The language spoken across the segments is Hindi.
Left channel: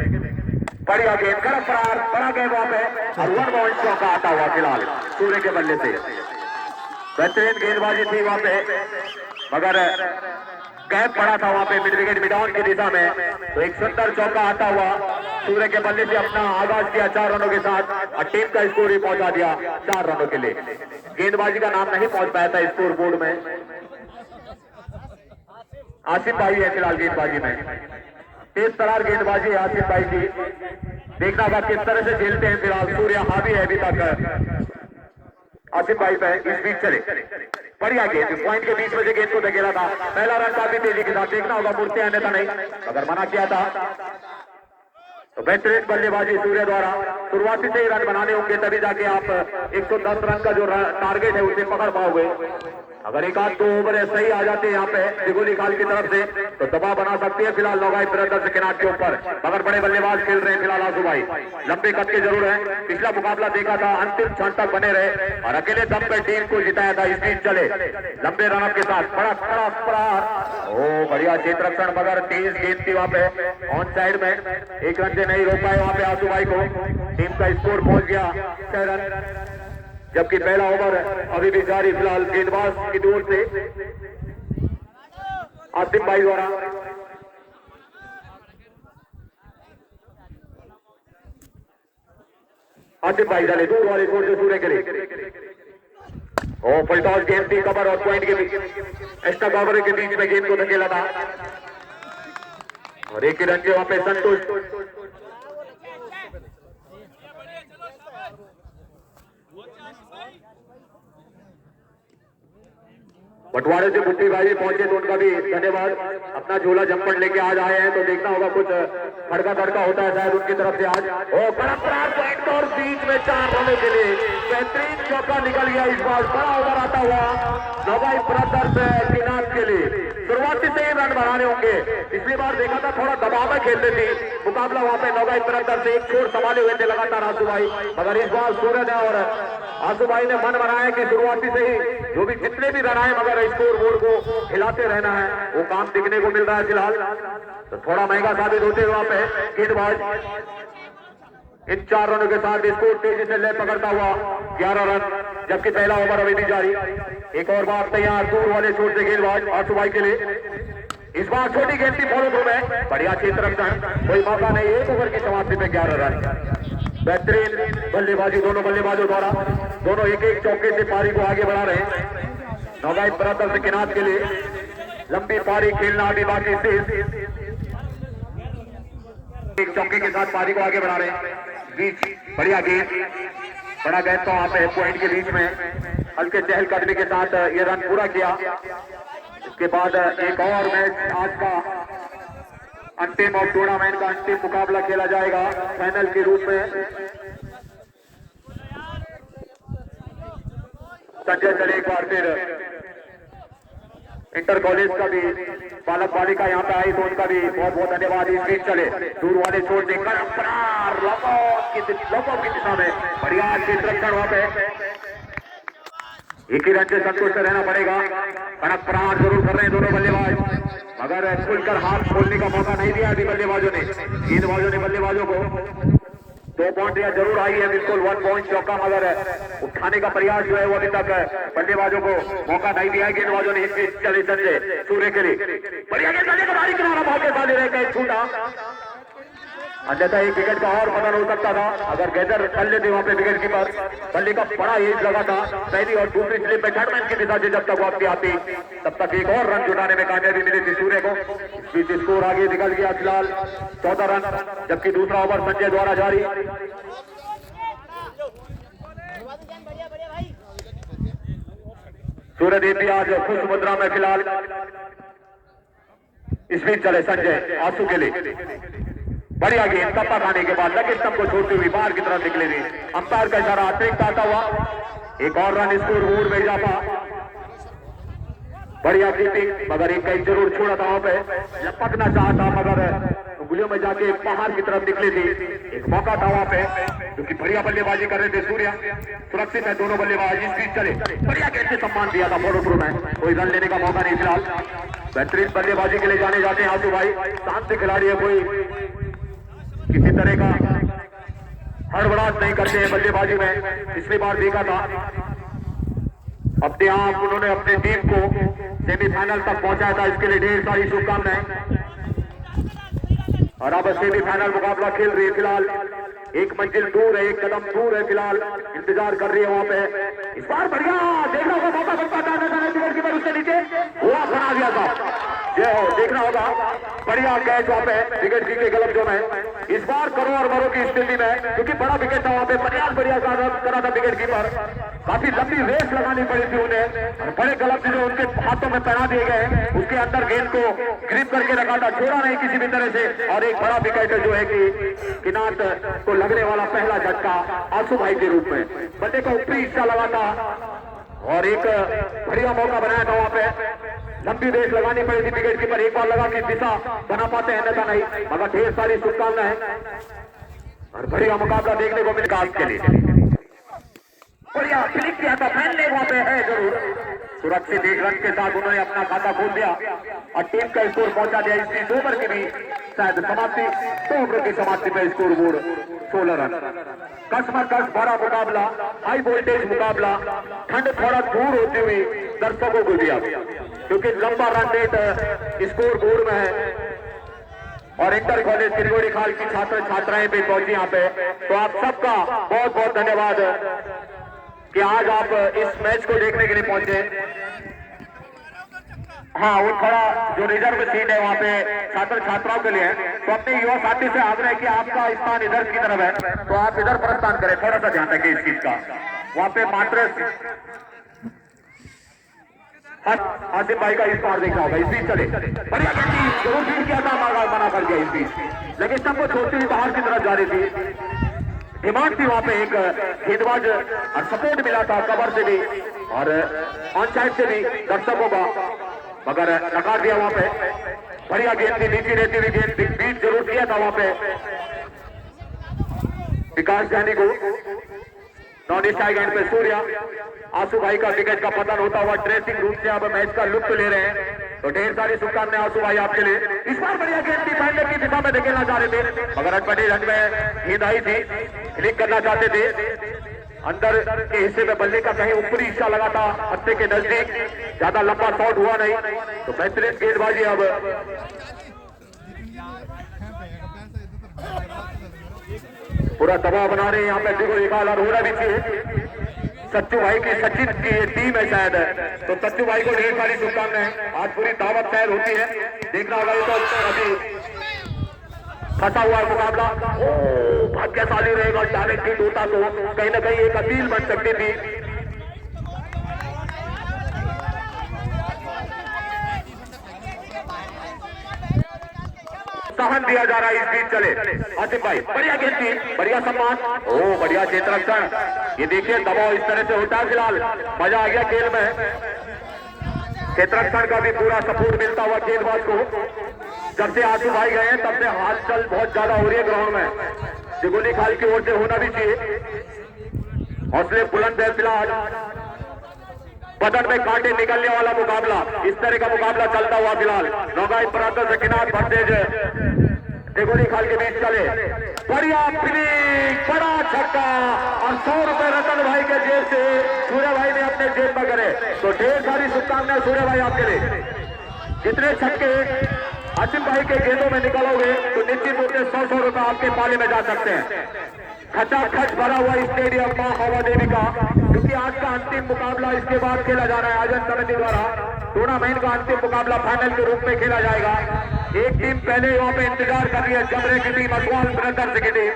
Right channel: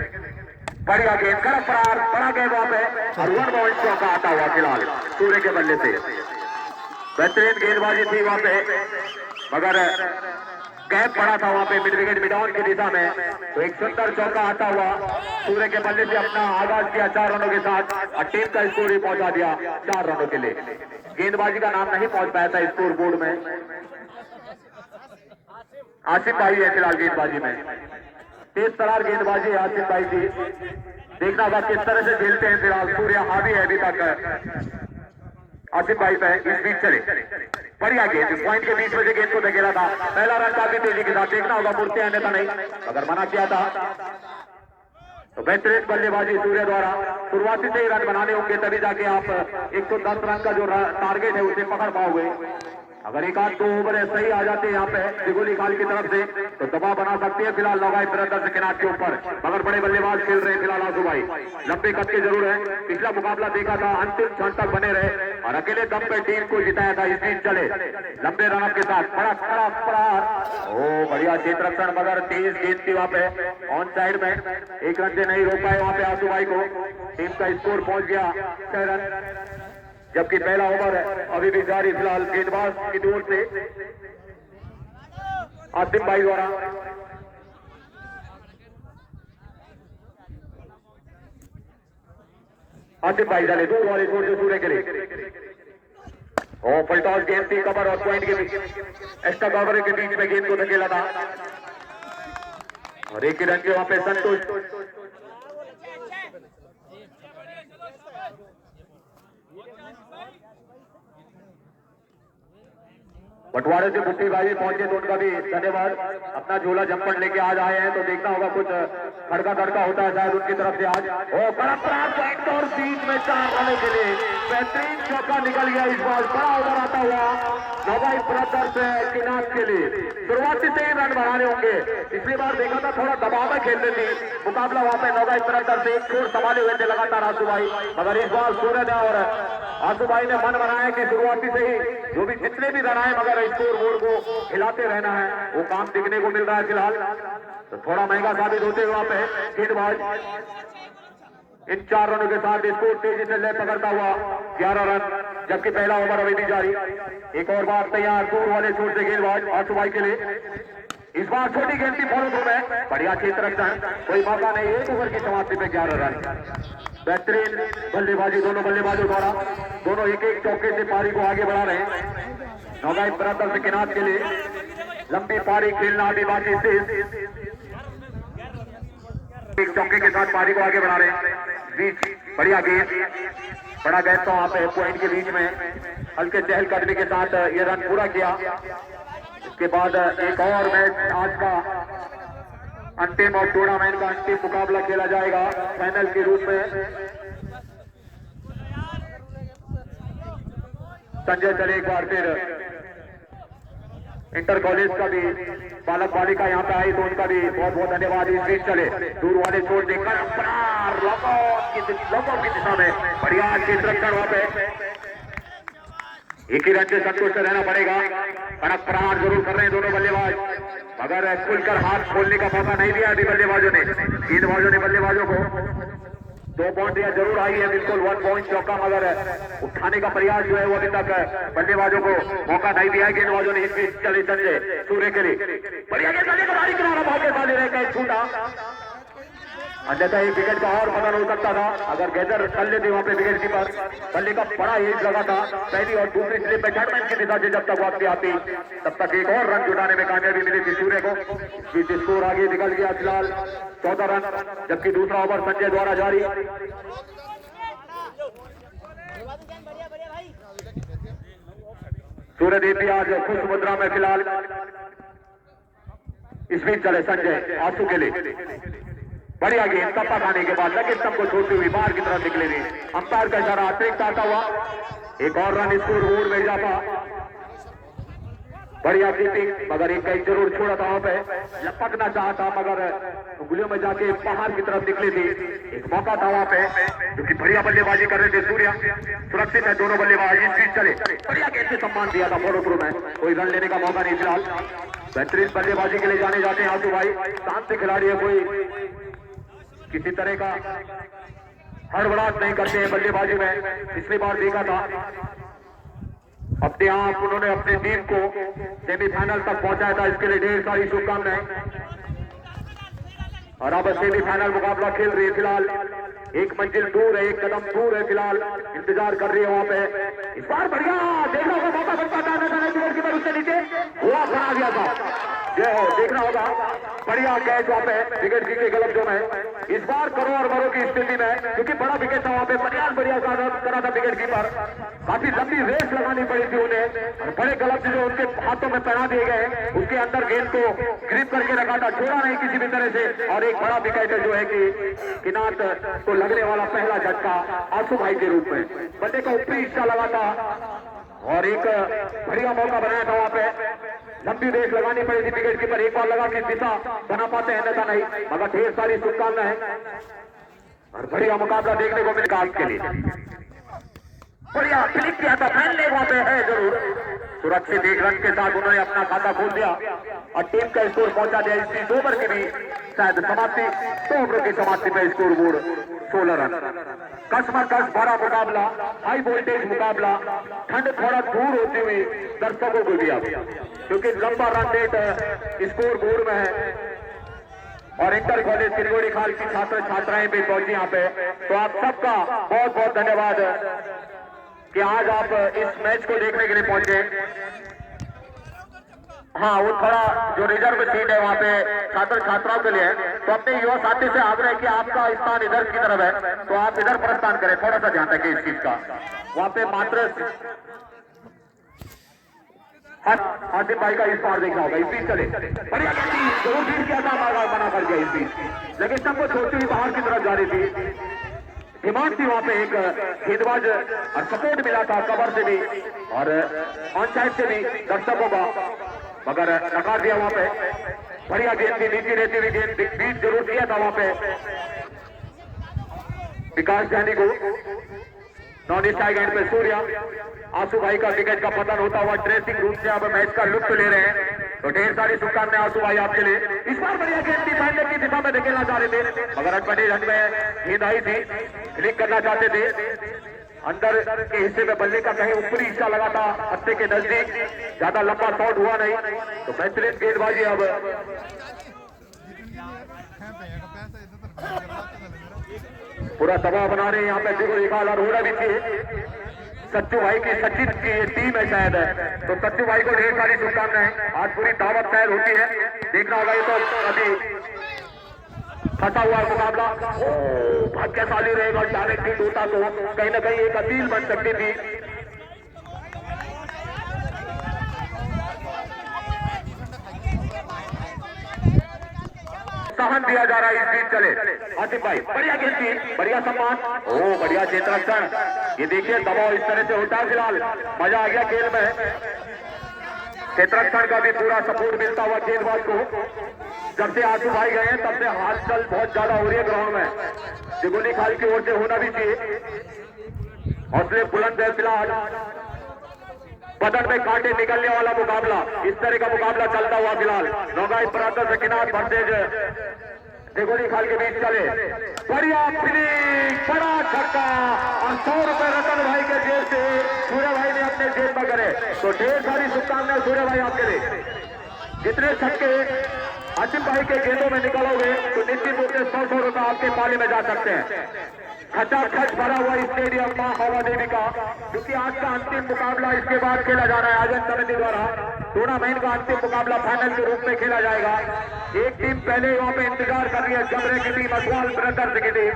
बढ़िया गेंद कड़ा फरार बड़ा गेंद वहां पे वन बाउंड चौका आता हुआ फिलहाल सूर्य के बल्ले से। बेहतरीन गेंदबाजी थी वहां पे, मगर गैप पड़ा था वहां पे मिड विकेट मिडाउन की दिशा में, तो एक सुंदर चौका आता हुआ सूर्य के बल्ले से अपना आगाज किया 4 रनों के साथ और टीम का स्कोर भी पहुंचा दिया 4 रनों के लिए। गेंदबाजी का नाम नहीं पहुंच पाया था स्कोर बोर्ड में। आसिफ भाई है फिलहाल गेंदबाजी में, तेज तरार गेंदबाजी है आसिफ भाई की। देखना होगा किस तरह से खेलते हैं फिलहाल। सूर्य हावी है अभी तक आसिफ भाई पे। इस बीच चले बढ़िया गेंद पॉइंट के बीच में से गेंद को धकेला था। पहला रन काफी तेजी के साथ, देखना होगा मुड़ते आने था नहीं, अगर मना किया था तो बेहतरीन बल्लेबाजी सूर्य द्वारा। शुरुआती से ही रन बनाने होंगे तभी जाके आप 110 रन का जो टारगेट है उसे पकड़ पाओगे। अगर एक आध 2 ओवर सही आ जाते हैं यहाँ पे दिगोली खाल की तरफ से तो दबाव बना सकती है फिलहाल नौगाई ब्रदर्स के किनारे के ऊपर, मगर बड़े बल्लेबाज खेल रहे हैं फिलहाल आंसू भाई। लंबे कद के जरूर है, पिछला मुकाबला देखा था अंतिम क्षण तक बने रहे और अकेले दम पे टीम को जिताया था। इस बीच चले लंबे रन के साथ बड़ा बड़ा बड़ा ओ बढ़िया क्षेत्र रक्षण, मगर तेज गेंद थी वहां पे ऑन साइड में, एक रन से नहीं रोक पाए वहां पे आंसू भाई को। टीम का स्कोर पहुंच गया 6 रन, जबकि पहला ओवर अभी भी जारी फिलहाल गेंदबाज की ओर से आसिफ भाई द्वारा। आसिफ भाई डाले दूर वाले छोर से सूर्य के लिए और पलटॉस गेंद थी कवर और पॉइंट के बीच एक्स्ट्रा कवर के बीच में गेंद को धकेला था और एक ही रन के वहां पे संतोष। बटवारे से बुट्टी भाई पहुंचे तो उनका भी धन्यवाद। अपना झोला जम्पर लेके आज आए हैं तो देखना होगा कुछ खड़का खड़का होता है शायद उनकी तरफ से आज। ओ बड़ा पॉइंट और बीच में 4 रनों के लिए बेहतरीन चौका निकल गया। इस बार बड़ा ओवर आता हुआ नौगाई ब्रदर्स किनार के लिए। शुरुआती से ही रन बनाने होंगे, पिछली बार देखा था थोड़ा दबाव में खेलते थे मुकाबला वहां पे नौगाई ब्रदर्स से, एक छोर संभाले हुए थे लगातार आंसू भाई, मगर इस बार सूर्य ने और आंसू भाई ने मन बनाया कि शुरुआती से ही जो भी जितने भी रन आए मगर स्कोर बोर्ड को हिलाते रहना है, वो काम दिखने को मिल रहा है फिलहाल। तो थोड़ा महंगा साबित होते हुए वहां पे गेंदबाज इन 4 रनों के साथ स्कोर तेजी से ले पकड़ता हुआ 11 रन, जबकि पहला ओवर अभी भी जारी। एक और बार तैयार दूर वाले छोर से गेंदबाज आंसू भाई के लिए। इस बार छोटी गेंद की फॉलो थ्रू में बढ़िया क्षेत्र रक्षण, कोई मौका नहीं, 1 ओवर की समाप्ति में 11 रन। बेहतरीन बल्लेबाजी दोनों बल्लेबाजों द्वारा, दोनों एक एक चौके से पारी को आगे बढ़ा रहे हैं नौगाई ब्रदर्स किनार के लिए। लंबी पारी खेलना अभी बाकी से एक चौके के साथ पारी को आगे बढ़ा रहे हैं। बीच बढ़िया गेंद, बड़ा गेंद तो वहां पे पॉइंट के बीच में हल्के चहलकदमी के साथ ये रन पूरा किया। उसके बाद एक और मैच आज का अंतिम और टूर्नामेंट का अंतिम मुकाबला खेला जाएगा फाइनल के रूप में। संजय चले एक बार फिर इंटर कॉलेज का भी बालक बालिका यहाँ पे आई तो उनका भी बहुत बहुत धन्यवाद। इस बीच चले दूर वाले छोड़ देकर लोगों की दिशा में बढ़िया क्षेत्र रक्षण वहां पे, एक ही रन से संतुष्ट रहना पड़ेगा। कड़क प्रहार जरूर कर रहे हैं दोनों बल्लेबाज, अगर खुलकर हाथ खोलने का मौका नहीं दिया अभी बल्लेबाजों ने, गेंदबाजों ने बल्लेबाजों को 2 बाउंड्रियां जरूर आई है, बिल्कुल 1 पॉइंट चौका, मगर उठाने का प्रयास जो है वो अभी तक बल्लेबाजों को मौका नहीं दिया है गेंदबाजों ने। चले संजय सूर्य के लिए बढ़िया गेंदबाजी किनारा मौके पर ले रहे छूटा, अन्यथा एक विकेट का और बदल हो सकता था अगर गैदर कर लेते वहां पे विकेट कीपर। बल्ले का बड़ा एज लगा था पहली और दूसरी स्लिप में बैट्समैन की दिशा से जब तक वापसी आती तब तक एक और रन जुटाने में कामयाबी मिली थी सूर्य को। बीच स्कोर आगे निकल गया फिलहाल 14 रन, जबकि दूसरा ओवर संजय द्वारा जारी। सूर्यदेव भी आज खुश मुद्रा में फिलहाल। इस बीच चले संजय आंसू के लिए बढ़िया गेंद, कप्पा खाने के बाद लगे स्तंभ को छोड़ती हुई बाहर की तरफ निकले हुए, अंपायर का इशारा अतिरिक्त आता हुआ, एक और रन स्कोर बोर्ड में इजाफा। बढ़िया कीपिंग, मगर एक कई जरूर छोड़ा था वहां पे, लपकना चाहता मगर उंगलियों में जाके बाहर की तरफ निकली थी। एक मौका था वहां पे क्योंकि बढ़िया बल्लेबाजी कर रहे थे सूर्या, सुरक्षित है दोनों बल्लेबाज। इस बीच चले बढ़िया गेंद से सम्मान दिया था फॉलो थ्रू में, कोई रन लेने का मौका नहीं फिलहाल। बेहतरीन बल्लेबाजी के लिए जाने जाते हैं आंसू भाई, शांत खिलाड़ी है, कोई किसी तरह का हड़बड़ाहट नहीं करते हैं बल्लेबाजी में। पिछली बार देखा था अपने आप उन्होंने अपने टीम को सेमीफाइनल तक पहुंचाया था, इसके लिए ढेर सारी शुभकामनाएं। और अब सेमीफाइनल मुकाबला खेल रही है। फिलहाल एक मंजिल दूर है, एक कदम दूर है, फिलहाल इंतजार कर रही है वहां पे। इस बार बढ़िया देखना होगा, मौका बनता था उससे नीचे हुआ बना दिया था। जय हो, देखना होगा बढ़िया कैच वहां पे विकेट की गलत जोन है। इस बार करो और मरो की स्थिति में, क्योंकि बड़ा विकेट था वहां पे, प्रयास बढ़िया करा था विकेट कीपर। काफी लंबी रेस लगानी पड़ी थी उन्हें। बड़े गलत जो उनके हाथों में पहना दिए गए, उसके अंदर गेंद को ग्रिप करके रखा था, छोड़ा नहीं किसी भी तरह से। और एक बड़ा विकेट जो है कि किनात को लगने वाला पहला झटका आंसू भाई के रूप में बल्ले का ऊपरी हिस्सा लगा था और एक बढ़िया मौका बनाया था वहां पे। लंबी रेस लगानी पड़ी थी विकेट कीपर, एक बार लगा कि दिशा बना पाते हैं, अन्यथा नहीं। मगर ढेर सारी शुभकामनाएं और बढ़िया मुकाबला देखने को मिलेगा आज के लिए। बढ़िया क्लिक किया था, फैनले वहां पे है जरूर। सुरक्षित एक रन के साथ उन्होंने अपना खाता खोल दिया और टीम का स्कोर पहुंचा दिया। इस 2 ओवर की भी शायद समाप्ति, 2 ओवर की समाप्ति में स्कोर बोर्ड 16 रन। कस बड़ा मुकाबला, हाई वोल्टेज मुकाबला, ठंड थोड़ा दूर होते हुए दर्शकों को दिया गया, क्योंकि लंबा रन रेट स्कोर बोर्ड में है। और इंटर कॉलेज किरगोड़ी खाल की छात्र छात्राएं भी पहुंची यहाँ पे। तो आप सबका बहुत बहुत धन्यवाद कि आज आप इस मैच को देखने के लिए पहुंचे। हाँ, वो थोड़ा जो रिजर्व सीट है वहाँ पे छात्र छात्राओं के लिए है, तो अपने युवा साथी से आग्रह कि आपका स्थान इधर की तरफ है, तो आप इधर प्रस्थान करें। थोड़ा सा ध्यान रखें इस चीज का। वहाँ पे मात्र आसिफ भाई का इस बार देखा होगा, इस बीच चले बढ़िया जरूर जीत किया था, मना कर दिया इस बीच, लेकिन सबको छोड़ती हुई बाहर की तरफ जा रही थी। डिमांड थी वहां पे एक गेंदबाज और सपोर्ट मिला था कवर से भी और ऑन साइड से भी दर्शकों का, मगर नकार दिया वहां पे। बढ़िया गेंद थी, नीचे रहती हुई गेंद बीट जरूर किया था वहां पे विकास जानी को। नॉन स्ट्राइक एंड पे सूर्या, आंसू भाई का विकेट का पतन होता हुआ ड्रेसिंग रूम से अब मैच का लुत्फ ले रहे हैं। तो ढेर सारी शुभकामनाएं आंसू भाई आपके लिए। इस बार बढ़िया गेंद थी, फाइनल की दिशा में धकेलना चाह रहे थे, मगर अटपटे रन में गेंद आई थी, क्लिक करना चाहते थे। अंदर के हिस्से में बल्ले का कहीं ऊपरी हिस्सा लगा था, हत्थे के नजदीक, ज्यादा लंबा शॉट हुआ नहीं। तो बेहतरीन गेंदबाजी अब पूरा दबाव बना रहे हैं यहाँ पे। देखो एक आला रोना भी चाहिए। सच्चू भाई की सचिन की ये टीम है शायद, तो सच्चू भाई को ढेर सारी शुभकामनाएं। आज पूरी दावत शायद होती है, देखना होगा। ये तो अभी फंसा हुआ है मुकाबला। भाग्यशाली रहेगा, डायरेक्ट हिट होता तो कहीं ना कहीं एक अपील बन सकती थी। सहन दिया जा रहा है इस बीच। चले आसिफ भाई, बढ़िया गेंद थी, बढ़िया सम्मान, बढ़िया क्षेत्ररक्षण। ये देखिए दबाव इस तरह से होता है, फिलहाल मजा आ गया खेल में। क्षेत्ररक्षण का भी पूरा सपोर्ट मिलता हुआ गेंदबाज को। जब से आंसू भाई गए हैं तब से हलचल बहुत ज्यादा हो रही है ग्राउंड में। दिगोली खाल की ओर से होना भी चाहिए। हौसले बुलंद है फिलहाल। बदन में कांटे निकलने वाला मुकाबला, इस तरह का मुकाबला चलता हुआ फिलहाल। नौगाई प्रांत से किनार वर्सेज दिगोली खाल के बीच चले। बढ़िया फिनिश, बड़ा छक्का और 100 रुपए रतन भाई के जेब से सूर्य भाई ने अपने जेब में करे। तो ढेर सारी शुभकामनाएं सूर्य भाई आपके लिए। जितने छक्के आसिफ भाई के गेंदों में निकलोगे तो निश्चित रूप से 100 रुपए आपके पाले में जा सकते हैं। खचाखच भरा हुआ स्टेडियम मां हवा देवी का, क्योंकि आज का अंतिम मुकाबला इसके बाद खेला जा रहा है। आयोजन समिति द्वारा टूर्नामेंट का अंतिम मुकाबला फाइनल के रूप में खेला जाएगा। एक टीम पहले वहां पे इंतजार कर रही है, जमरे की टीम, अजवाल ब्रदर्स की टीम।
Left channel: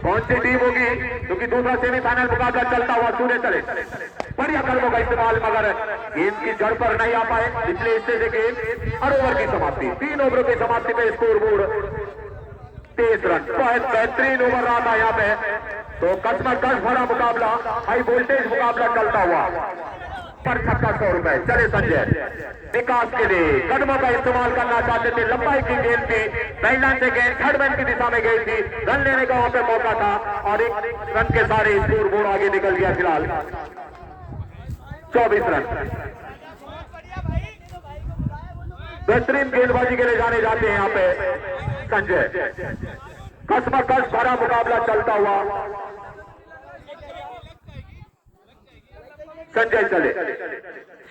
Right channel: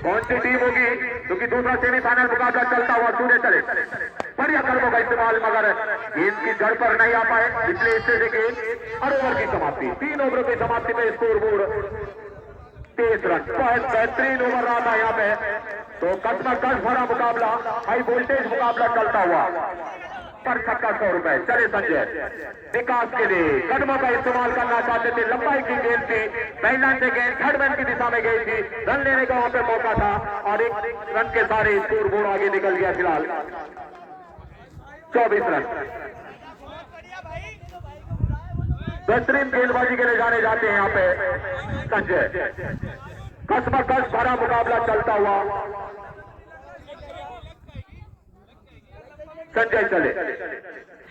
कौन सी टीम होगी, क्योंकि दूसरा सेमीफाइनल मुकाबला चलता हुआ सूर्य चले। बढ़िया कदमों का इस्तेमाल, मगर गेंद की जड़ पर नहीं आ पाए, इसलिए इससे से गेंद और ओवर की समाप्ति। 3 ओवरों की समाप्ति में स्कोर बोर्ड 23 रन। बहुत बेहतरीन ओवर रहा था यहाँ पे। तो कस भरा मुकाबला, हाई वोल्टेज मुकाबला चलता हुआ। पर छक्का 100 रुपए। चले संजय, विकास के लिए कदमों का इस्तेमाल करना चाहते थे। लंबाई की गेंद थी, बैकलाइन से गेंद थर्ड मैन की दिशा में गई थी, रन लेने का वहां पे मौका था और एक रन के सारे स्कोर बोर्ड आगे निकल गया। फिलहाल 24 रन। बेहतरीन गेंदबाजी के लिए जाने जाते हैं यहाँ पे संजय। कसमकस भरा मुकाबला चलता हुआ। संजय चले,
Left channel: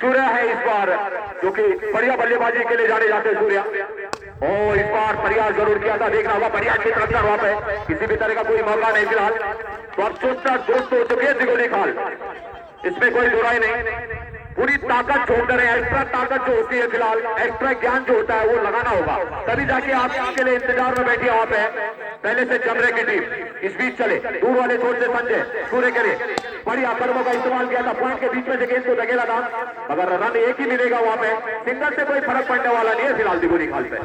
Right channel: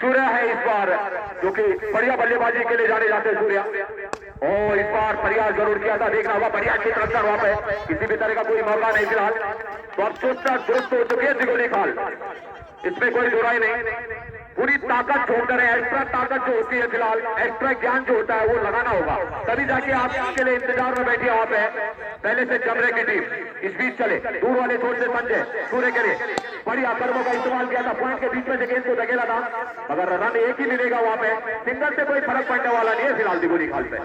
सूर्या है इस बार जो कि बढ़िया बल्लेबाजी के लिए जाने जाते सूर्या। और इस बार प्रयास जरूर किया था, देखना होगा प्रयास की तरफ वहां पे किसी भी तरह का कोई मौका नहीं फिलहाल। तो अब चोटता दोस्त हो चुके हैं दिगोली खाल, इसमें कोई दुराई नहीं। पूरी ताकत छोड़ रहे हैं, एक्स्ट्रा ताकत जो होती है फिलहाल, एक्स्ट्रा ज्ञान जो होता है वो लगाना होगा, तभी जाके आप इसके लिए इंतजार में बैठे वहां पे। पहले से चल रहे की टीम इस बीच चले, दूर वाले छोड़ से संजय सूर्य के लिए बढ़िया कर्मों का इस्तेमाल किया था, पॉइंट के बीच में से गेंद को धकेला था, मगर रन एक ही मिलेगा वहां पे, सिंगल से कोई फर्क पड़ने वाला नहीं है फिलहाल दिगोली खाल पे।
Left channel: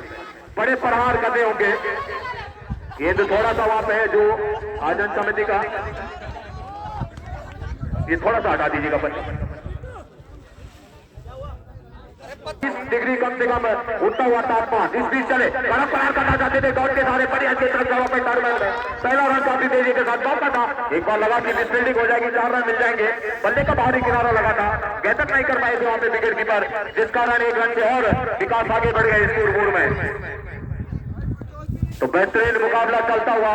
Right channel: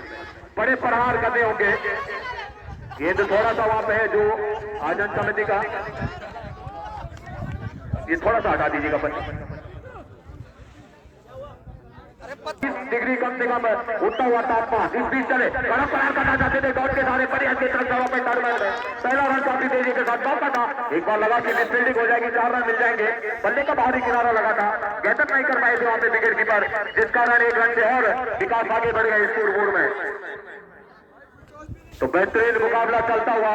बड़े प्रहार करने होंगे, गेंद थोड़ा सा वहां पे है जो आयोजन समिति का, ये थोड़ा सा हटा दीजिएगा पर 30 डिग्री कम से कम उठता हुआ तापमान। इस बीच चले, बड़ा प्रहार करना चाहते थे, दौड़ के सारे बढ़िया की तरफ जगह पर टारगेट है, पहला रन काफी तेजी के साथ बॉल था, एक बार लगा कि मिसफील्डिंग हो जाएगी, 4 रन मिल जाएंगे। बल्ले का बाहरी किनारा लगा था, गैतक नहीं कर पाए थे वहां पे विकेट कीपर, जिस कारण 1 रन से और विकास आगे बढ़ गए स्कोर बोर्ड में। तो बेहतरीन मुकाबला चलता हुआ,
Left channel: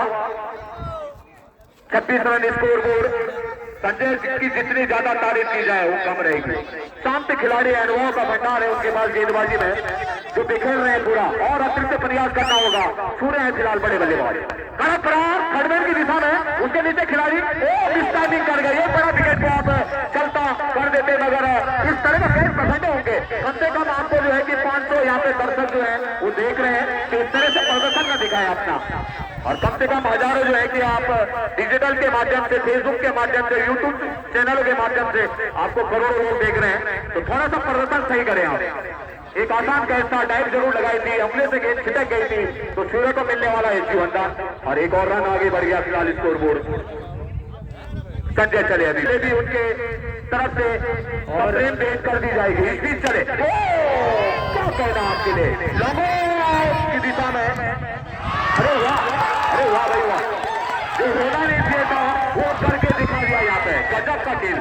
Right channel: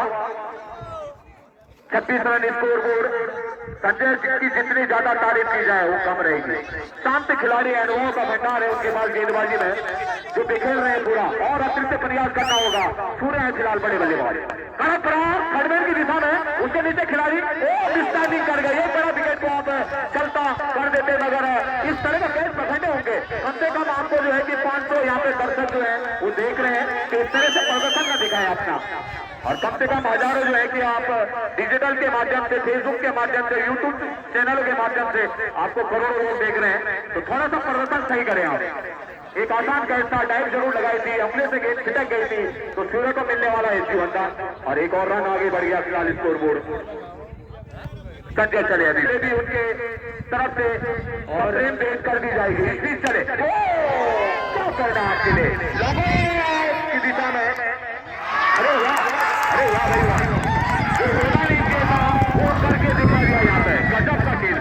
26 रन स्कोर बोर्ड। संजय की जितनी ज्यादा तारीफ की जाए वो कम रहेगी। शांत खिलाड़ी है, अनुभव का भंडार है उनके पास गेंदबाजी में, जो बिखेर रहे हैं पूरा, और अतिरिक्त प्रयास करना होगा। सूर्य है फिलहाल बड़े बल्लेबाज, कड़क प्रयास खड़बों की दिशा में, उसके नीचे खिलाड़ी मिसटाइमिंग कर गए, बड़ा विकेट को आप चलता कर देते, मगर इस तरह का खेल पसंद होंगे। कम से कम आपको जो है कि 500 यहाँ पे दर्शक जो है वो देख रहे हैं कि इस तरह से प्रदर्शन न दिखाए अपना, और कम से कम हजारों जो है कि आप डिजिटल के माध्यम से, फेसबुक के माध्यम से, यूट्यूब चैनल के माध्यम से आपको करोड़ों लोग देख रहे हैं, तो थोड़ा सा प्रदर्शन सही करें आप। एक आसान कैच था, डाइव जरूर लगाई थी, अपने से गेंद छिटक गई थी, तो सूर्य को मिलने वाला है जीवन था, और एक और रन आगे बढ़ गया फिलहाल स्कोर बोर्ड। संजय चले, अभी भी उनके तरफ से फ्रेम भेज कर दी जाएगी, इस बीच चले, क्या करना आपके लिए की दिशा में, अरे वाह, अरे वाह भाई वाह, जो होगा नहीं खेलता वो करके दिखा दिया जाता है। गजब का खेल,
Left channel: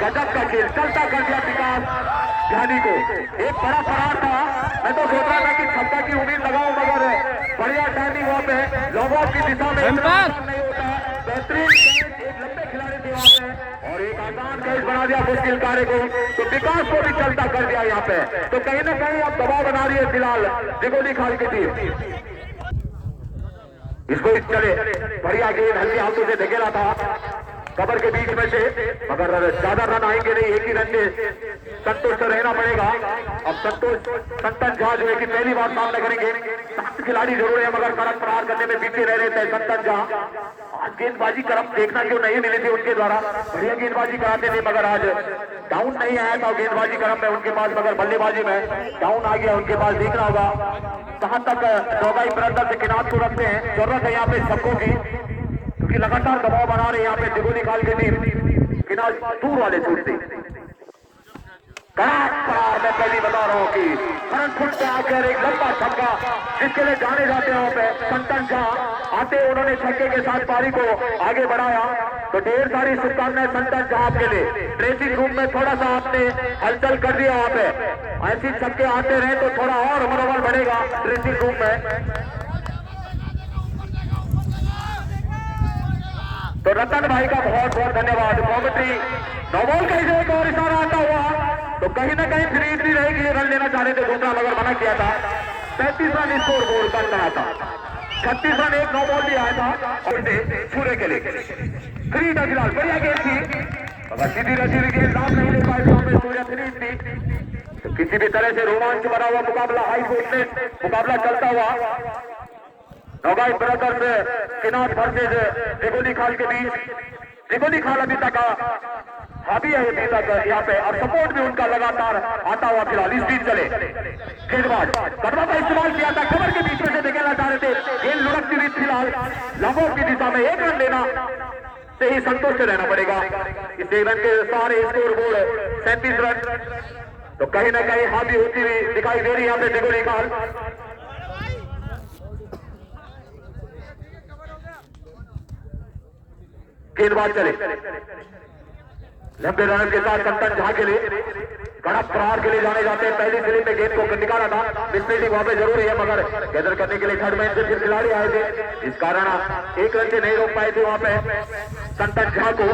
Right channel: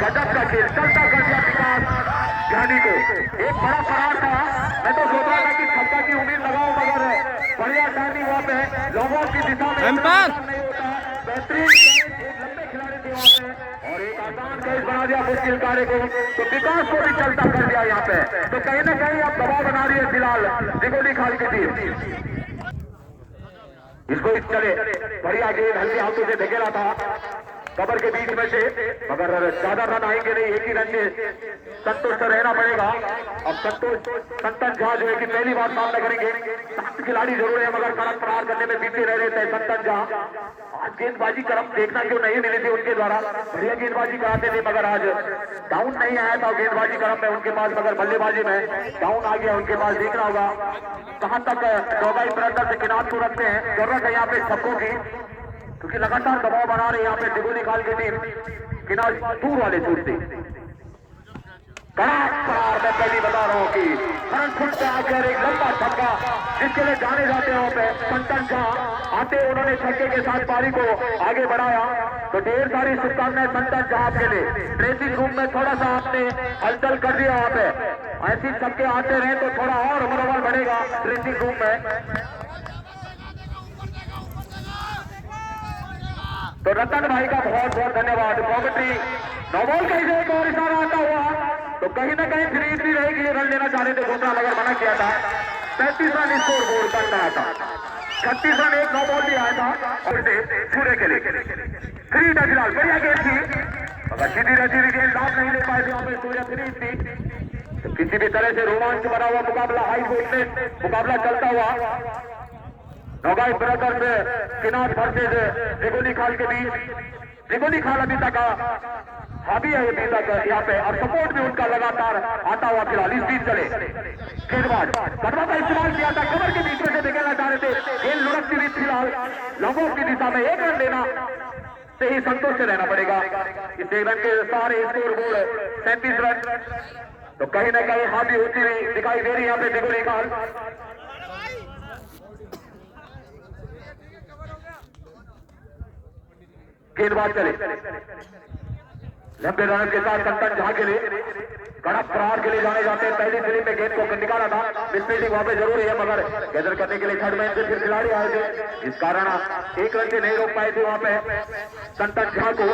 गजब का खेल, चलता कर दिया विकास गांधी को। एक बड़ा प्रहार था, मैं तो सोच रहा था कि छक्का की उम्मीद लगाओ, मगर बढ़िया टाइमिंग वहां पे लॉन्ग की दिशा में नहीं होता, बेहतरीन एक लंबे खिलाड़ी थे वहां पे, और एक आसान कैच बना दिया मुश्किल कार्य को, तो विकास को भी चलता कर दिया यहाँ पे। तो कहीं ना कहीं अब दबाव बना रही है फिलहाल दिगोली खाल की टीम। इसको चले, बढ़िया गेंद हल्के हाथों से धकेला था कबर के बीच में से, मगर ज्यादा रन आएंगे नहीं, एक ही रन में संतोष को रहना पड़ेगा। अब संतोष संतन झा जो है कि पहली बार सामना करेंगे, 7 खिलाड़ी जरूर है, मगर कड़क प्रहार करने में पीछे रह रहे थे संतन झा। आज गेंदबाजी करम देखना क्यों नहीं मिली थी उनके द्वारा, बढ़िया गेंदबाजी कराते थे, मगर आज डाउन नहीं आया था गेंदबाजी करम में उनके पास, मगर बल्लेबाजी में डाउन आ गया उनके पास। देखना होगा कहां तक दोबाई प्रदर्शन से किनार को रखते हैं, जरूरत है यहाँ पे सबकों की, क्योंकि लगातार दबाव बना रहे हैं यहाँ पे दिगोली खाल की टीम। किनार दूर वाले छूटते, मैं पहले बता रहा हूँ कि फ्रंट फुट पे आकर एक लंबा छक्का जिसके लिए जाने जाते हैं वहां पे संतन झा आते, उन्होंने छक्के के साथ पारी को आगे बढ़ाया। तो ढेर सारी शुभकामनाएं संतन झा आपके लिए। ड्रेसिंग रूम में थोड़ा सा आपने हलचल कर दिया वहां पे, ऐसी छक्के आते रहे तो थोड़ा और मनोबल बढ़ेगा ड्रेसिंग रूम में। तो रतन भाई का बहुत बहुत धन्यवाद। कॉमेंट्री नवोल कैसे एक और इशारा आता हुआ, तो कहीं ना कहीं फ्री भी रहेगी, रन लेना चाह रहे थे, दूसरा मगर मना किया था। 35 रन स्कोर बोर्ड बन रहा था, 36 रन एक नो बॉल भी आया था, और सूर्य के लिए फ्री था फिलहाल, बढ़िया गेंद थी, मगर सीधी रसी गेंद लाभ नहीं ले पाए तो सूर्य फ्री थी। तो किसी भी तरह से रोमांच बना हुआ मुकाबला, हाई वोल्टेज मुकाबला चलता हुआ नवाई ब्रदर्स किनार वर्सेज दिगोली खाल के बीच। दिगोली खाल अभी तक हावी है अभी तक यहाँ पे, और सपोर्ट भी उनका लगातार आता हुआ फिलहाल। इस बीच चले गेंदबाज कपड़ा का इस्तेमाल किया था, कमर के बीच में से निकलना चाह रहे थे, गेंद लुढ़कती हुई फिलहाल लंबों की दिशा में। 1 रन लेना से ही संतुष्ट रहना पड़ेगा। इस 1 रन के सारे स्कोर बोर्ड 37 रन, तो कहीं ना कहीं हावी होती हुई दिखाई दे रही है यहाँ पे दिगोली खाल। गेंदबाज चले लंबे रन के साथ संतन झा के लिए कड़क प्रहार के लिए जाने जाते हैं। पहली स्लिप में गेंद को निकाला था, मिसफील्डिंग वहां पे जरूरी है, मगर गैदर करने के लिए थर्ड मैन से खिलाड़ी आए थे, इस कारण एक रन से नहीं रोक पाए थे वहां पे संतन झा को।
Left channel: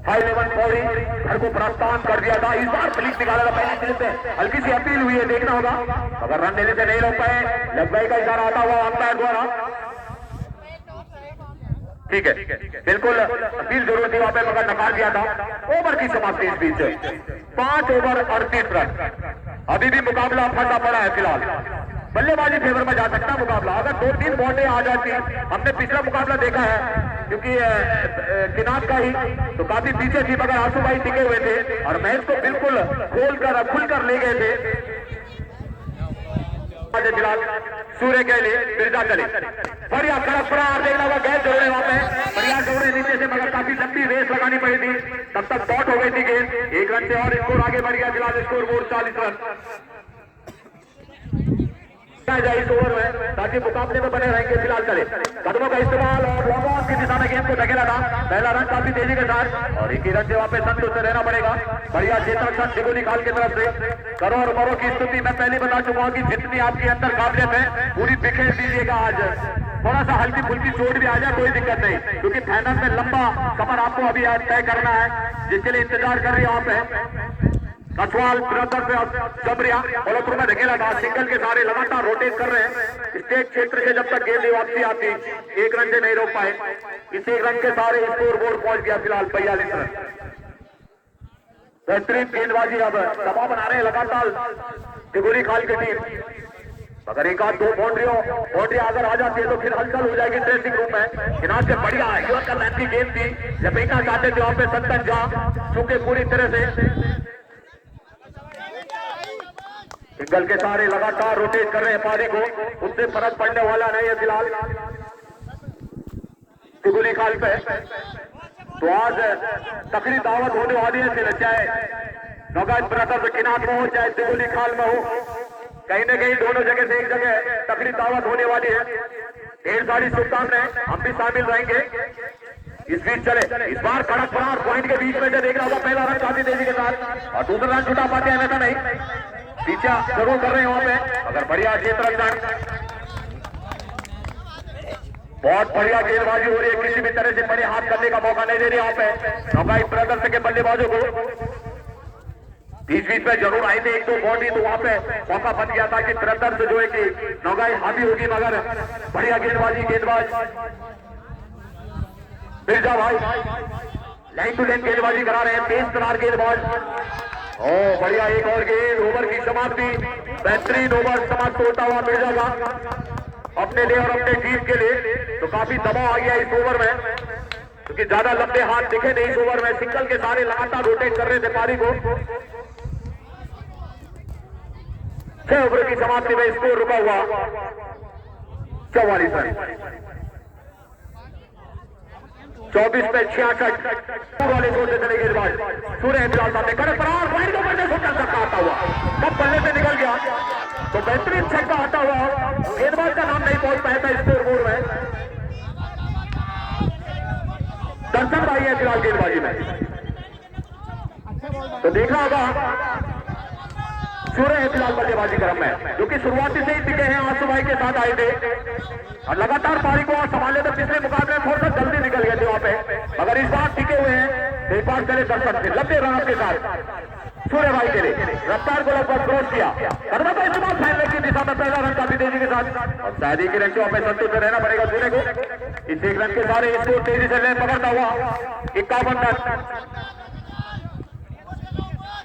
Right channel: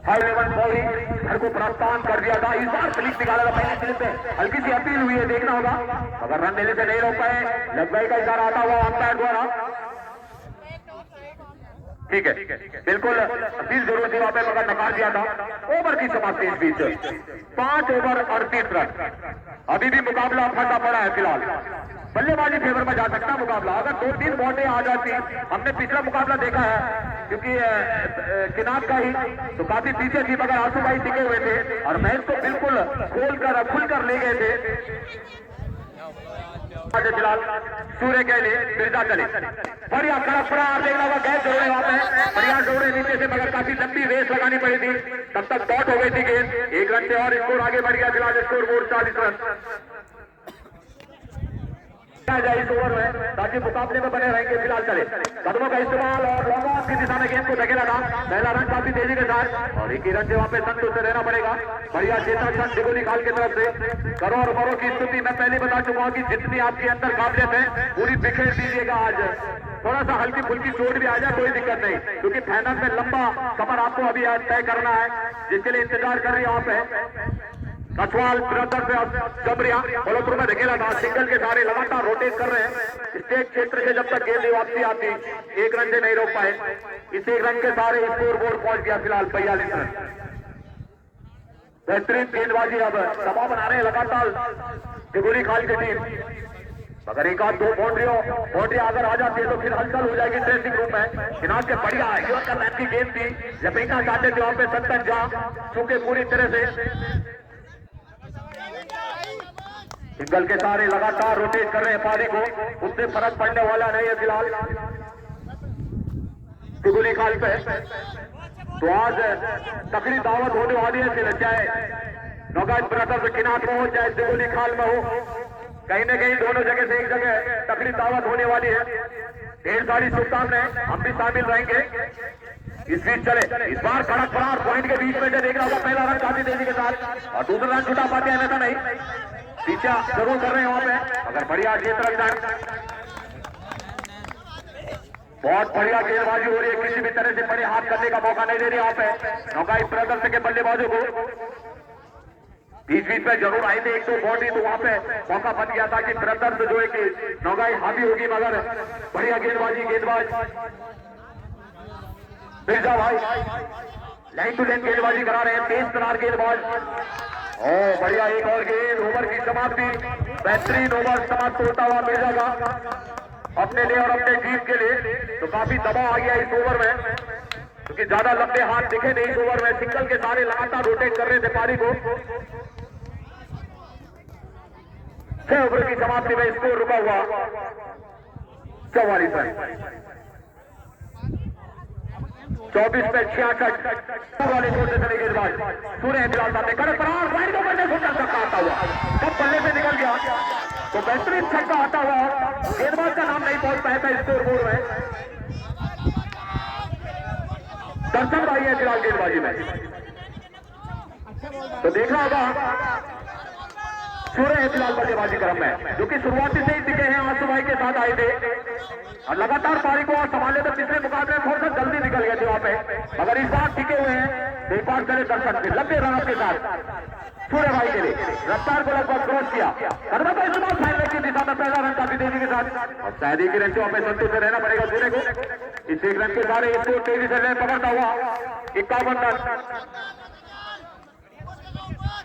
हाई लेवल बॉलिंग घर को प्रस्थान कर दिया था, इस बार स्लिप निकाला था पहला स्लिप में, हल्की सी अपील हुई है, देखना होगा, अगर रन देने से नहीं रोक पाए, लंबाई का इशारा आता हुआ अंपायर द्वारा। ठीक है, बिल्कुल अपील जरूर थी वहां पे, मगर नकार दिया था। ओवर की समाप्ति इस बीच 5 ओवर 38 रन, अभी भी मुकाबला फंसा पड़ा है फिलहाल, बल्लेबाजी फेवर में जा सकता मुकाबला, अगर 2-3 बॉलें आ जाती, हमने पिछला मुकाबला देखा है क्योंकि किनार का ही तो काफी पीछे थी, मगर आंसू भाई टिके हुए थे और मैच को बिल्कुल खुलकर ले गए थे। फिलहाल सूर्य के लिए बिरजा चले, बढ़िया कड़क प्रहार देखना होगा, गैस जोड़े वहां पे, बढ़िया जोड़े नीचे से, मगर काफी लंबी रेस लगानी पड़ी थी, तब तक डॉट हो गई थी गेंद, 1 रन से और स्कोर आगे बढ़ गया, फिलहाल स्कोर बोर्ड 40 रन जाए इस ओवर में, ताकि मुकाबले में बने रहेंगे। फिलहाल चले, कदमों का इस्तेमाल और लॉन्ग ऑन की दिशा में गेंद को धकेला था, पहला रन काफी तेजी के साथ, और एक ही रन से वहां पे संतोष से रहना पड़ेगा। बढ़िया चेतक सन दिगुनी खाल की तरफ से करो और मरो की स्तुति मैं पहले बता चुका हूं कि जितनी आपके अंदर काबिलियत है पूरी बिखेर दीजिएगा। आज थोड़ा सा हल्की फुल्की चोट भी आ जाए कोई दिक्कत नहीं, क्योंकि फाइनल में लंबा सफर आपको अभी आज तय करना है, जिसके लिए इंतजार कर रही है वहां पे कछवाल ब्रदर से जबरिया बलोपुर में धकेला था, सिंगल के सारे लगातार रोटेट कर रहे हैं, स्टेट क्षेत्र से जब तक गेंद वापसी आती 1 रन से नहीं रोक पाए, इस 1 रन के सारे स्कोर बोर्ड पहुंच गया फिलहाल 42 रन। बेहतरीन गेंदबाजी, अब दबाव बना रहे हैं लगातार दिगुली खाल की टीम, अगर एक आध 2 बाउंड्री अगर आ जाती है तो फिर हलचल हो जाएगी ड्रेसिंग रूम में। किनार के बढ़िया युवा कल्याण की गेंद थी, जब बेटा चाहते थे वहां पे संतन झा चूंकि पूरी तरह से सिंगल के सारे लगातार रोटेट कर रहे हैं पारी को, उससे फर्क पड़ने वाला नहीं है फिलहाल दिगुली खाल पे। तो आज तकड़ी दावत होने वाली है, फिर चाहे नौगाज ब्रदर किनार में हो चाहे दिगुली खाल में हो, कहीं ना कहीं दोनों जगह से एक जगह तकड़ी दावत होने वाली है। ढेर सारी शुभकामनाएं, हम भी शामिल रहेंगे इस बीच। चले, इस बार कड़क प्रहार पॉइंट के बीच में से देखना होगा, पहला रन काफी तेजी के साथ और दूसरा रन छुटा पाते हैं वैसा नहीं, पीछा जरूर कर रहे हैं वहां पे, अगर बढ़िया जीत रन जाए, बहुत बढ़िया गेंदबाजी हो रही है, किसी भी तरह से बड़े हाथ करने का मौका नहीं दे रही वहां पे नौगाई ब्रदर्स के बल्लेबाजों को। बीच में जरूर आई थी 1-2 बाउंड्री, तो वहां पे मौका बन गया था कि ब्रदर्स जो है कि नौगाई हावी होगी, मगर बढ़िया गेंदबाज बिरजा भाई लाइन टू लाइन गेंदबाजी करा रहे हैं, तेज तरार गेंदबाज, बढ़िया एक और गेंद, ओवर की समाप्ति, बेहतरीन ओवर समाप्त होता हुआ मिर्जा का अपने लिए और अपने टीम के लिए। तो काफी दबाव आ गया इस ओवर में, क्योंकि ज्यादा लंबे हाथ दिखे नहीं इस ओवर में, सिंगल के सारे लगातार रोटेट कर रहे थे पारी को। 6 ओवर की समाप्ति में स्कोर रुका हुआ 44 रन, 24 पे 66 वाले छोटे चले गेंदबाज सूर्य फिलहाल सामने कड़क प्रहार वाइड को करने छोटा छक्का आता हुआ, कब बल्ले से निकल गया तो बेहतरीन छक्का आता हुआ, गेंदबाज का नाम नहीं पहुंच पाया था स्कोर बोर्ड में। दर्शन भाई है फिलहाल गेंदबाजी में, तो देखना होगा सूर्य है फिलहाल बल्लेबाजी क्रम में, जो कि शुरुआती से ही टिके हैं, आंसू भाई के साथ आए थे और लगातार पारी को संभाले थे। पिछले मुकाबले में थोड़ा सा जल्दी निकल गए थे वहां पे, मगर इस बार टिके हुए हैं, एक बार करे दर्शक से लंबे रन के साथ सूर्य भाई के लिए रफ्तार को लगभग क्रॉस किया, फैलने की दिशा में पहला रन काफी तेजी के साथ, और शादी की रन पे संतुष्ट रहना पड़ेगा सूर्य को। इस 1 रन के सारे स्कोर तेजी से ले पकड़ता हुआ 51 रन।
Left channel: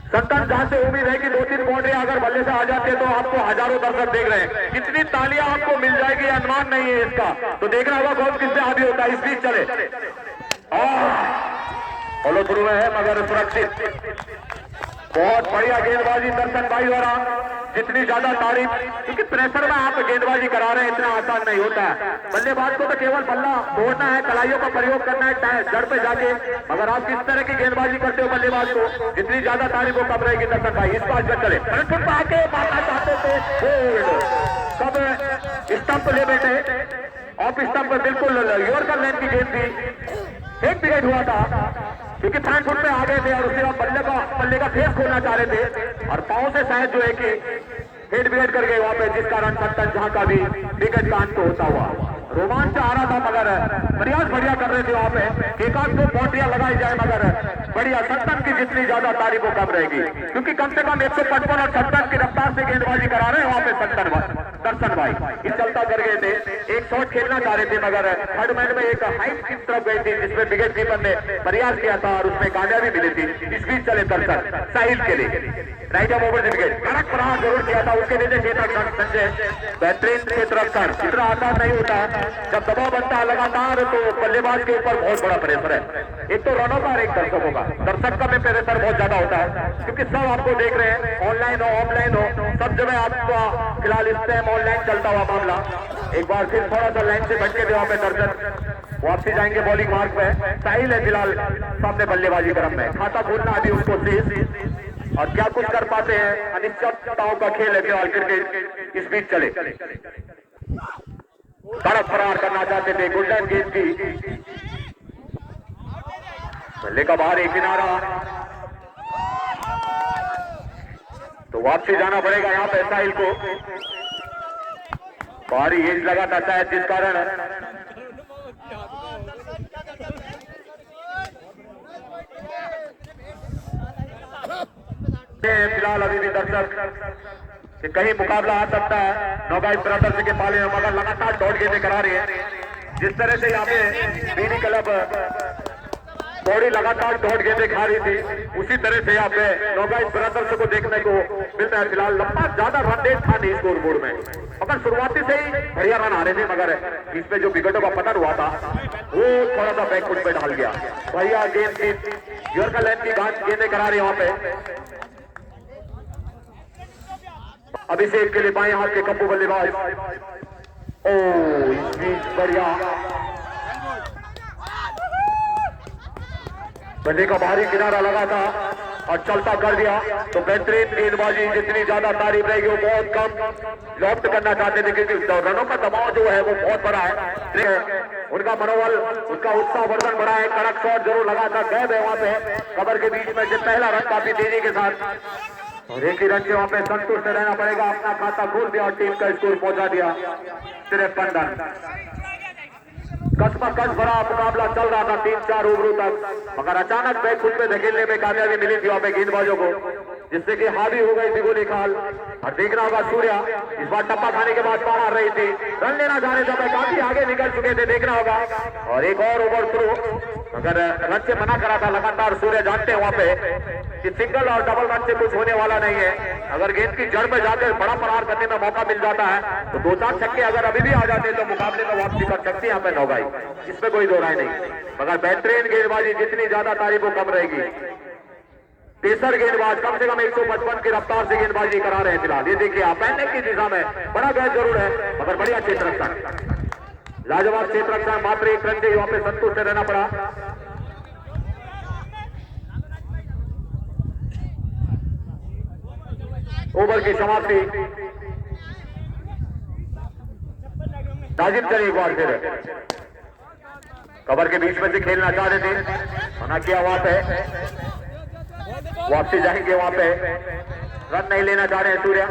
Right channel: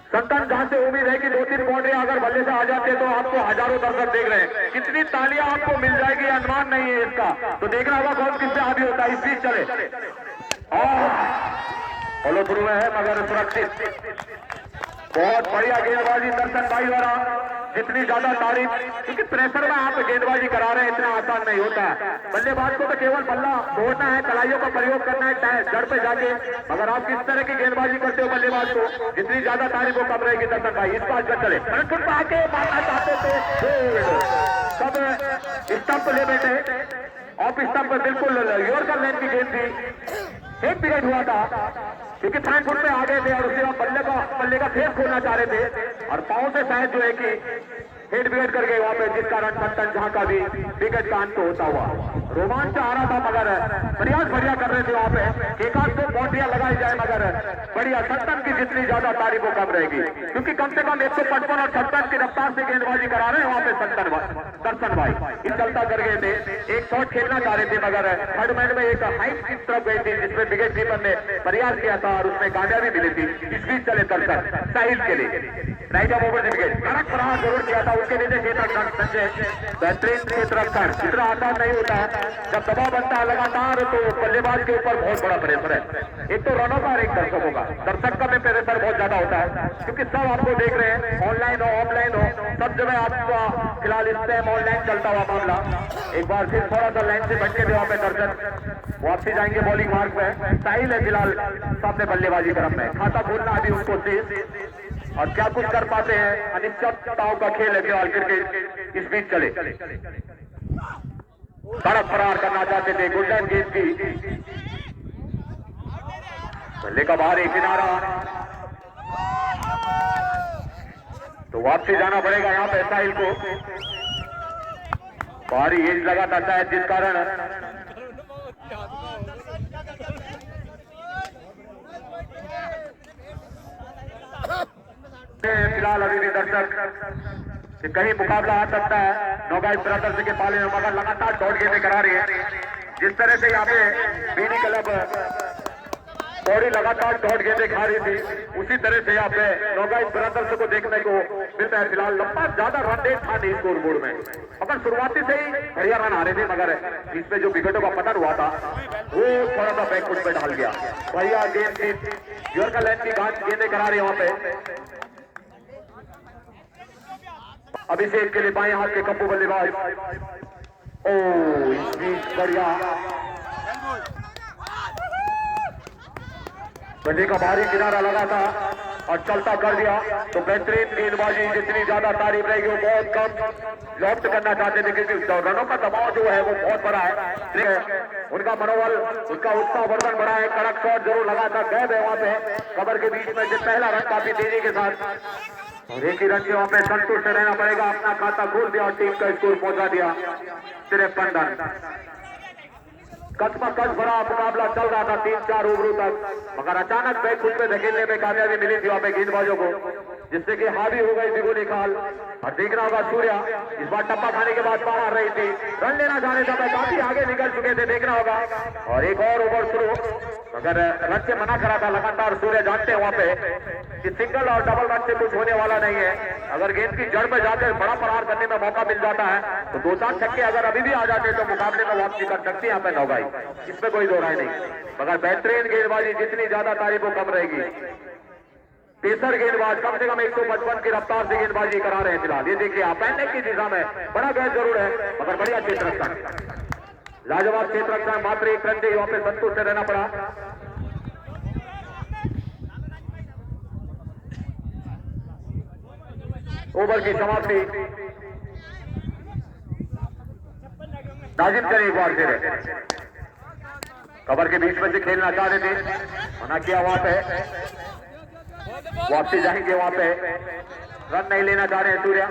संतन जहां से उम्मीद है कि 2-3 बाउंड्री अगर बल्ले से आ जाते हैं तो आपको हजारों दर्शक देख रहे हैं, कितनी तालियां आपको मिल जाएगी अनुमान नहीं है इसका, तो देखना होगा कौन किससे आगे होता है। इस बीच चले फॉलो थ्रू में है मगर सुरक्षित, बहुत बढ़िया गेंदबाजी दर्शन भाई द्वारा, जितनी ज्यादा तारीफ, क्योंकि प्रेशर में आप गेंदबाजी करा रहे हैं इतना आसान नहीं होता है, बल्लेबाज को तो केवल बल्ला तोड़ना है, कलाइयों का प्रयोग करना है जड़ पे जाके, मगर आप किस तरह की गेंदबाजी करते हो बल्लेबाज को, जितनी ज्यादा तारीफ हो कम रहेगी दर्शन भाई। इस बात चले आके मारना चाहते थे सब स्टंप ले बैठे, ऑफ स्टंप पर बिल्कुल योर का मैन की गेंद थी, एक विकेट हुआ था क्योंकि 5 फुट पे आ गए थे और उसके बाद बल्ले का फेस खोलना चाह रहे थे और पांव से शायद जो है कि हेड विकेट कर गए वहां पे, जिस कारण सत्तन जहां का भी विकेट का अंत होता हुआ रोमांच आ रहा था, मगर प्रयास बढ़िया कर रहे थे वहां पे, एक आध दो बाउंड्रियां लगाई जाए मगर बढ़िया। सत्तन की जितनी ज्यादा तारीफ वो कम रहेगी क्योंकि कम से कम 155 और 57 की रफ्तार से गेंदबाजी करा रहे हैं वहां पे दर्शन भाई। ये चलता कर गए थे, एक शॉट खेलना चाह रहे थे मगर थर्ड मैच में एक हाइट की तरफ गई थी जिसमें विकेट कीपर ने प्रयास किया था और उसमें कामयाबी मिली थी। इस बीच चले दर्शन साहिल के लिए राइट ऑफ ओवर विकेट कड़क प्रहार जरूर किया था, उसके नीचे चेतक संजय बेहतरीन क्षेत्र रखकर इतना आसान नहीं होता जब दबाव बनता है लगातार तो बल्लेबाज के ऊपर बहुत बड़ा प्रेशर है, एक तो रनों का और एक दर्शकों का। दर्शक का भी प्रेशर बहुत ज्यादा होता है क्योंकि सब आपको देख रहे हैं, ऑनलाइन हो ऑफलाइन हो सब जगह आपका फिलहाल इस टाइम ऑनलाइन चलता हुआ मामला। एक बार फिर थोड़ा सा लाइन से भटके थे वहां पे दर्शक, वापसी जाएंगे बॉलिंग मार्क पे। साहिल है फिलहाल सामने बल्लेबाजी क्रम में, खाता खोलना अभी उसको शेष और क्या कुछ कर पाते हैं, अनिश्चितताओं का खेल है फिलहाल क्रिकेट। इस बीच चले बड़ा फरार करना चाहते थे गोल्डन गेंद की, बल्ले का बाहर एक किनारा तो वापसी जाना पड़ेगा यहाँ पे साहिल को। बाहरी एज लगा था शायद जिस कारण फिलहाल अभी भी दर्शक कि कहीं मुकाबला आ सकता है नौगाई ब्रदर्स के पाले में, मगर लगातार दौड़ गेंदें करा रही है। जिस तरह से यहाँ पे बीडी क्लब दौड़ी लगातार दौड़ गेंदें खा रही थी उसी तरह से यहाँ पे नौगाई ब्रदर्स को देखने को मिलता है। फिलहाल लंबा ज्यादा रन रेट था नहीं स्कोर बोर्ड में, मगर शुरुआती से ही बढ़िया रन आ रहे थे, मगर इसमें जो विकेटों का पतन हुआ था वो थोड़ा सा बैकफुट पे ढल गया। बढ़िया गेंद की यॉर्कर लाइन की गेंदें करा रही है वहां पे। अभिषेक के लिए बाएं हाथ के कप्पू बल्लेबाज, ओ इस बीच बढ़िया गड्ढे का बाहरी किनारा लगा था और चलता कर दिया तो बेहतरीन गेंदबाजी जितनी ज्यादा तारीफ रहेगी वो बहुत कम लॉफ्ट करना चाहते थे क्योंकि रनों का दबाव जो है वो बहुत बड़ा है, उनका मनोबल उसका उत्साह वर्धन बड़ा है। कड़क शॉट जरूर लगा था, गैप है वहां पे कवर के बीच में, जो पहला रन काफी तेजी के साथ और एक ही रन से वहां पे संतुष्ट रहना पड़ेगा। अपना खाता खोल दिया और टीम का स्कोर पहुंचा दिया 53 रन। कस भरा मुकाबला चल रहा था 3-4 ओवरों तक, मगर अचानक बैक खुद में धकेलने में कामयाबी मिली थी वहां पे गेंदबाजों को, जिससे कि हावी हो गई थी गोली खाल। और देखना होगा सूर्या इस बार टप्पा खाने के बाद बाहर रही थी, रन लेना चाहने समय काफी आगे निकल चुके थे, देखना होगा। और एक और ओवर शुरू, अगर रन से मना करा था लगातार सूर्य, जानते हैं वहां पे कि सिंगल और डबल रन से कुछ होने वाला नहीं है। अगर गेंद की जड़ में जाकर बड़ा प्रहार करने में मौका मिल जाता है तो 2-4 छक्के अगर अभी भी आ जाते हैं तो मुकाबले में वापसी कर सकती है यहाँ पे नौगाई, इसमें कोई दो राय नहीं। मगर बेहतरीन गेंदबाजी जितनी ज्यादा तारीफ वो कम रहेगी। पेसर गेंदबाज कम से कम 155 की रफ्तार से गेंदबाजी करा रहे हैं फिलहाल। ये देखिए आप पैनल की दिशा में बड़ा गैस जरूर है मगर बढ़िया क्षेत्र रक्षा, लाजवाब क्षेत्र रक्षा, मात्र एक रन से वहां पे संतुष्ट रहना पड़ा। ओवर की समाप्ति, नाजिम चले एक बार फिर कवर के बीच में से खेलना चाह रहे थे, मना किया वहां पे, वापसी जाएंगे वहां पे, रन नहीं लेना चाह रहे हैं सूर्या।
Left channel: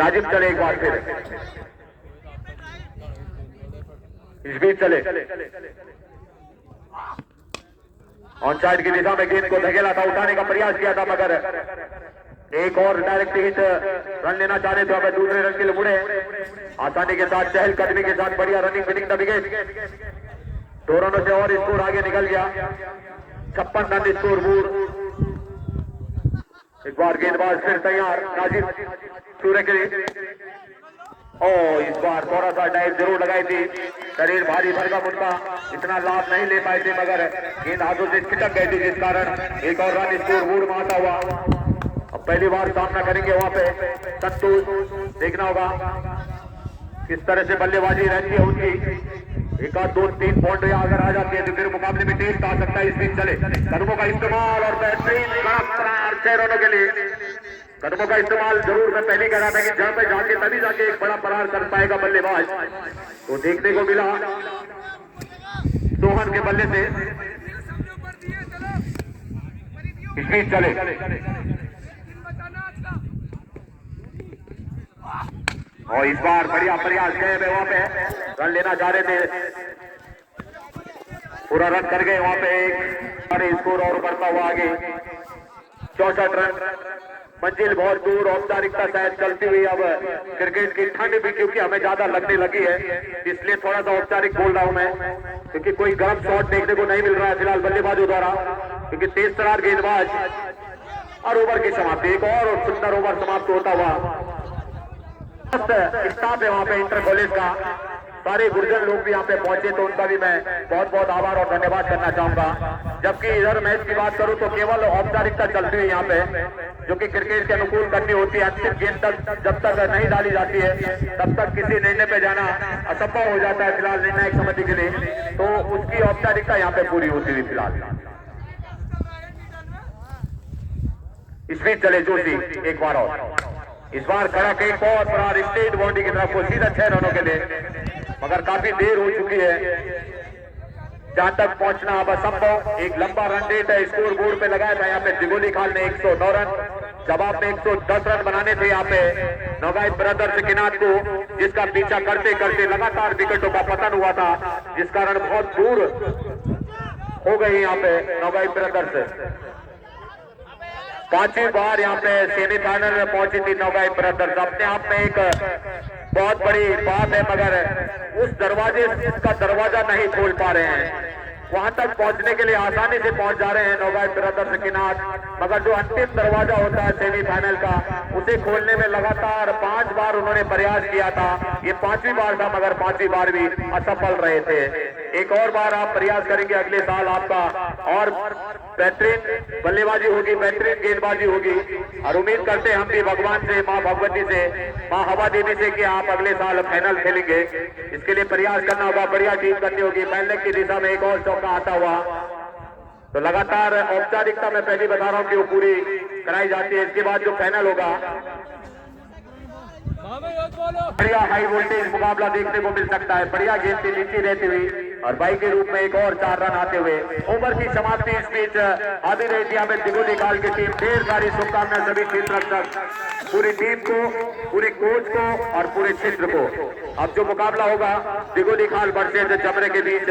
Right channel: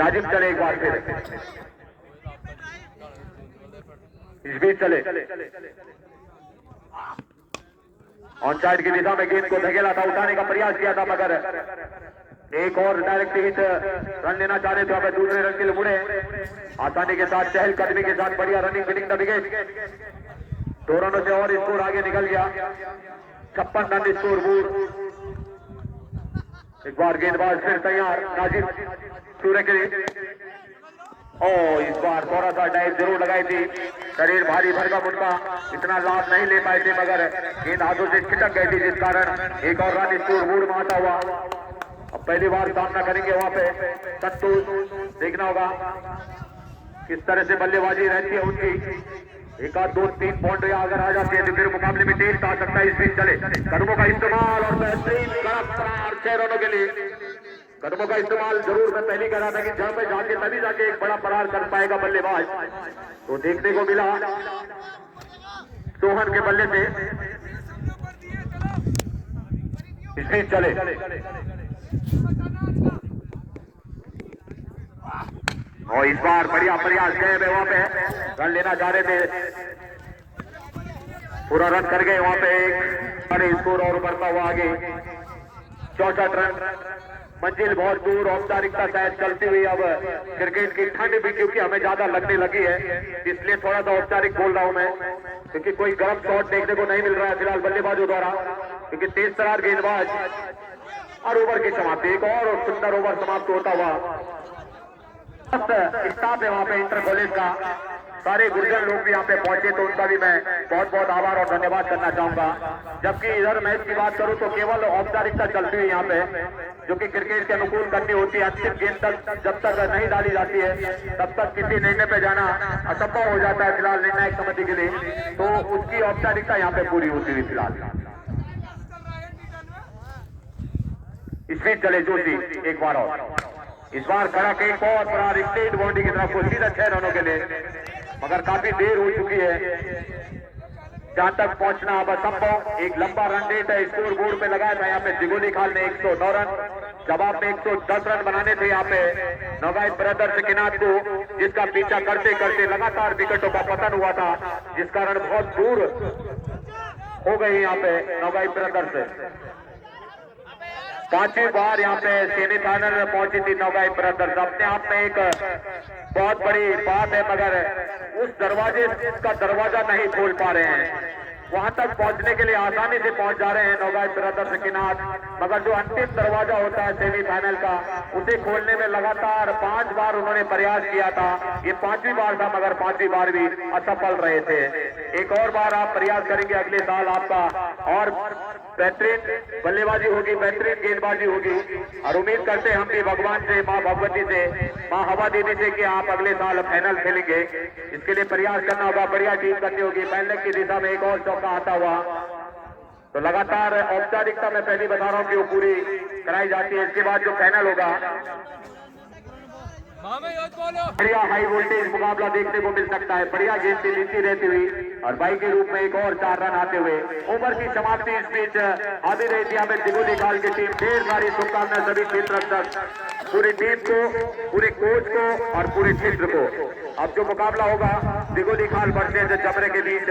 नाजिम चले एक बार फिर, इस बीच चले ऑन साइड की दिशा में गेंद को धकेला था, उठाने का प्रयास किया था मगर एक और डायरेक्ट हिट रन लेना चाह रहे थे, अब दूसरे रन के लिए मुड़े आसानी के साथ, चहल कदमी के साथ बढ़िया रनिंग विनिंग द विकेट। 2 रनों से और स्कोर आगे निकल गया, 56 रन स्कोर बोर्ड। एक बार गेंदबाज फिर तैयार नाजिम सूर्य के लिए, और इस बार थोड़ा सा डाइव जरूर लगाई थी, शरीर भारी भरगा मुड़का, इतना लाभ नहीं ले पाए थे मगर गेंद हाथों से छिटक गई थी जिस कारण एक और रन स्कोर बोर्ड में आता हुआ। अब पहली बार सामना करेंगे वहां पे संतोष, देखना होगा किस तरह से बल्लेबाजी रहती है उनकी। एक आध 2-3 पॉइंट अगर आ जाते हैं तो फिर मुकाबले में टेस्ट आ सकता है। इस बीच चले कदमों का इस्तेमाल और बेहतरीन 6 रनों के लिए कदमों का इस्तेमाल जरूर मैं पहले कह रहा था कि जहां पे जाके तभी जाके एक बड़ा प्रहार कर पाएगा बल्लेबाज, तो देखने को मिला सोहन के बल्ले से स्पीड चले और इस बार बढ़िया प्रयास गए वे वहां पे रन लेना जा रहे थे, पूरा रन कर गए वहां पे, एक बड़े स्कोर और बढ़ता हुआ आगे 64 रन। मंजिल बहुत दूर, औपचारिकता शायद चलती हुई अब क्रिकेट की ठंड भी क्योंकि हमें ज्यादा लगने लगी है इसलिए थोड़ा सा औपचारिक बोल रहा हूं मैं, क्योंकि कोई गर्म शॉट देखने को नहीं मिल रहा है फिलहाल बल्लेबाजों द्वारा, क्योंकि तेज तरार गेंदबाज और ओवर की समाप्ति, एक और सुंदर ओवर समाप्त होता हुआ। स्टाफ है वहाँ पे इंटर कॉलेज का, सारे गुर्जर लोग भी यहाँ पे पहुंचे तो उनका भी मैं बहुत बहुत आभार और धन्यवाद करना चाहूंगा। जबकि इधर मैच की बात करूं तो केवल औपचारिकता चलती हुई यहाँ पे, जो कि क्रिकेट के अनुकूल करनी होती है, अंतिम गेंद तक जब तक नहीं डाली जाती है तब तक किसी निर्णय पे जाना असंभव हो जाता है फिलहाल निर्णायक समिति के लिए, तो उसकी औपचारिकता यहाँ पे पूरी होती हुई फिलहाल। इसमें चले जोशी एक बार और, इस बार खड़ा कई बहुत बड़ा स्टेट बाउंड्री की तरफ को सीधा 6 रनों के लिए, मगर काफी देर हो चुकी है जहां तक पहुंचना अब असंभव। एक लंबा रन रेट है, स्कोर बोर्ड पे लगाया था यहाँ पे दिगोली खाल ने 109 रन, जवाब में 110 रन बनाने थे यहाँ पे नौगाई ब्रदर्स किनार को, जिसका पीछा करते करते लगातार विकेटों का पतन हुआ था, जिस कारण बहुत दूर हो गई यहाँ पे नौगाई ब्रदर्स। 5वीं बार यहाँ पे सेमीफाइनल में पहुंची थी नौगाई ब्रदर्स, अपने आप में एक बहुत बड़ी बात है, मगर उस दरवाजे का दरवाजा नहीं खोल पा रहे हैं, वहां तक पहुंचने के लिए आसानी से पहुंच जा रहे हैं नौगाई ब्रदर्स के नाथ, मगर जो अंतिम दरवाजा होता है सेमीफाइनल का उसे खोलने में लगातार 5 बार उन्होंने प्रयास किया था, ये 5वीं बार था मगर 5वीं बार भी असफल रहे थे। एक और बार आप प्रयास करेंगे अगले साल आपका और बेहतरीन बल्लेबाजी होगी, बेहतरीन गेंदबाजी होगी, और उम्मीद करते हैं हम भी भगवान से, माँ भगवती से, माँ हवा देवी से कि आप अगले साल फाइनल खेलेंगे। इसके लिए प्रयास करना होगा, बढ़िया टीम करनी होगी, पहले की दिशा में एक और चौका आता हुआ, तो लगातार औपचारिकता में पहली बता रहा हूँ कि वो पूरी कराई जाती है। इसके बाद जो फाइनल होगा बढ़िया हाई वोल्टेज मुकाबला देखने को मिल सकता है, बढ़िया गेंद से नीचे रहती हुई और बाई के रूप में एक और 4 रन आते हुए ओवर की समाप्ति इस बीच आधी रही थी हमें दिगोली काल की टीम। ढेर सारी शुभकामनाएं सभी क्षेत्र तक, पूरी टीम को, पूरे कोच को और पूरे क्षेत्र को। अब जो मुकाबला होगा दिगोली खाल वर्सेस जमरे के बीच